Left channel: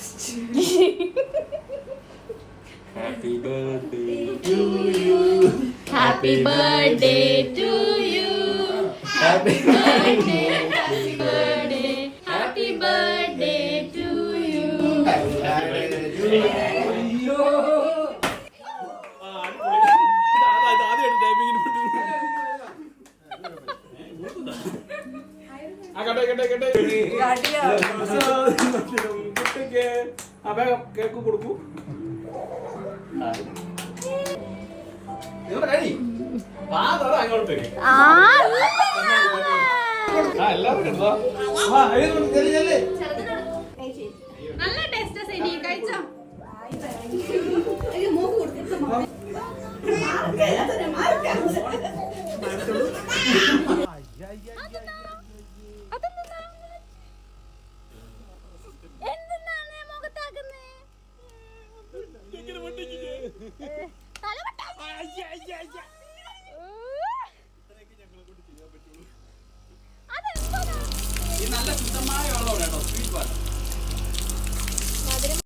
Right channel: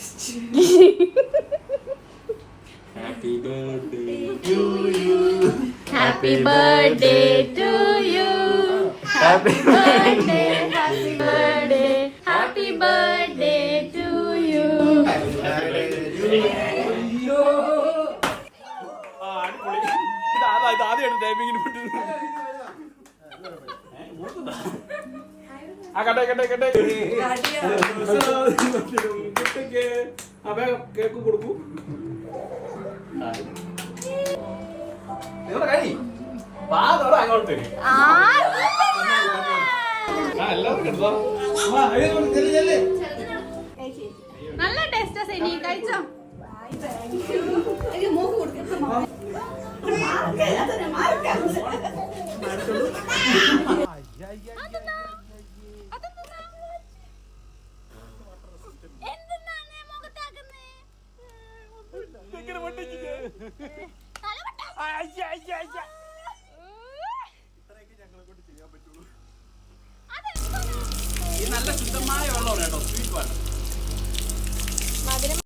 Happy birthday to you. Happy birthday to you. Happy birthday. Happy birthday. Happy birthday to you. Happy birthday to you. Cake കൊടുക്കൂ. നിങ്ങളുടെ കൈ അങ്ങോട്ട് നല്ല taste ശരി കഴിച്ചോ. ഈ നല്ല ശുദ്ധമായ വെള്ളമാണ് കേട്ടോ, സ്വീറ്റ് വാട്ടർ.